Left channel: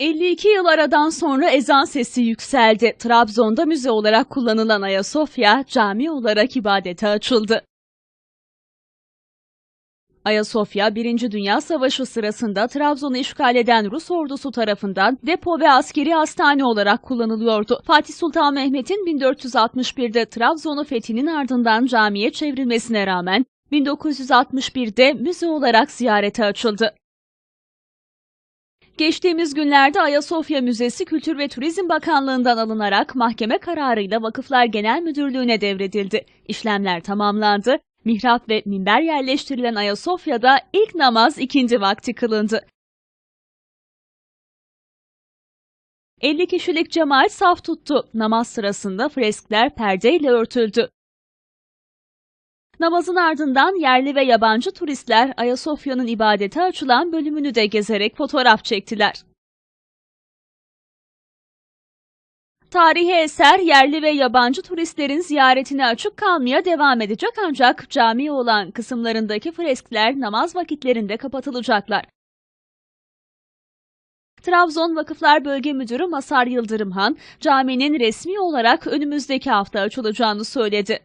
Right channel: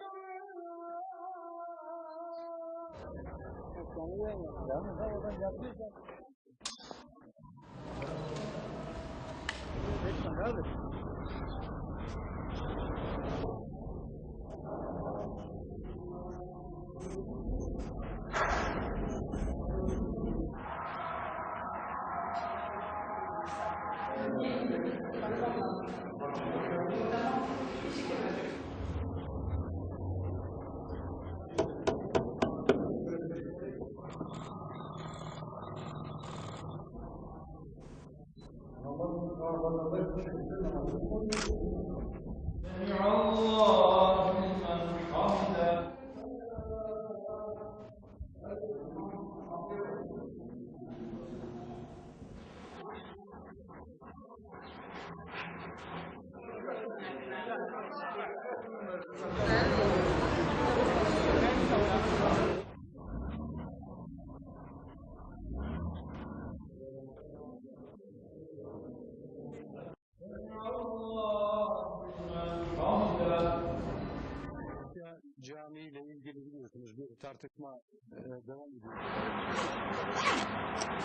22 yıl aradan sonra ezan sesi yükseldi. Trabzon'da müze olarak kullanılan Ayasofya cami olarak ibadete açıldı. Ayasofya 1. Dünya Savaşı sırasında Trabzon'u işgal eden Rus ordusu tarafından depo ve askeri hastane olarak kullanılıyordu. Fatih Sultan Mehmet'in 1461'de Trabzon'u fethinin ardından camiye çevrilmesine rağmen 1961'de müze olarak ziyarete açıldı. Geçtiğimiz günlerde Ayasofya Müzesi Kültür ve Turizm Bakanlığı'ndan alınarak mahkeme kararıyla Vakıflar Genel Müdürlüğü'ne devredildi. İşlemler tamamlandı. Mihrap ve minber yerleştirilen Ayasofya'da ilk namaz ikindi vakti kılındı. 50 kişilik cemaat saf tuttu. Namaz sırasında freskler perdeyle örtüldü. Namazın ardından yerli ve yabancı turistler Ayasofya'nın ibadete açılan bölümünü de gezerek fotoğraf çektiler. Tarihi eser yerli ve yabancı turistlerin ziyaretine açık kalmaya devam edecek ancak cami olan kısımlarındaki freskler namaz vakitlerinde kapatılacaklar. Trabzon Vakıflar Bölge Müdürü Masar Yıldırımhan, caminin resmi olarak önümüzdeki hafta açılacağını söyledi.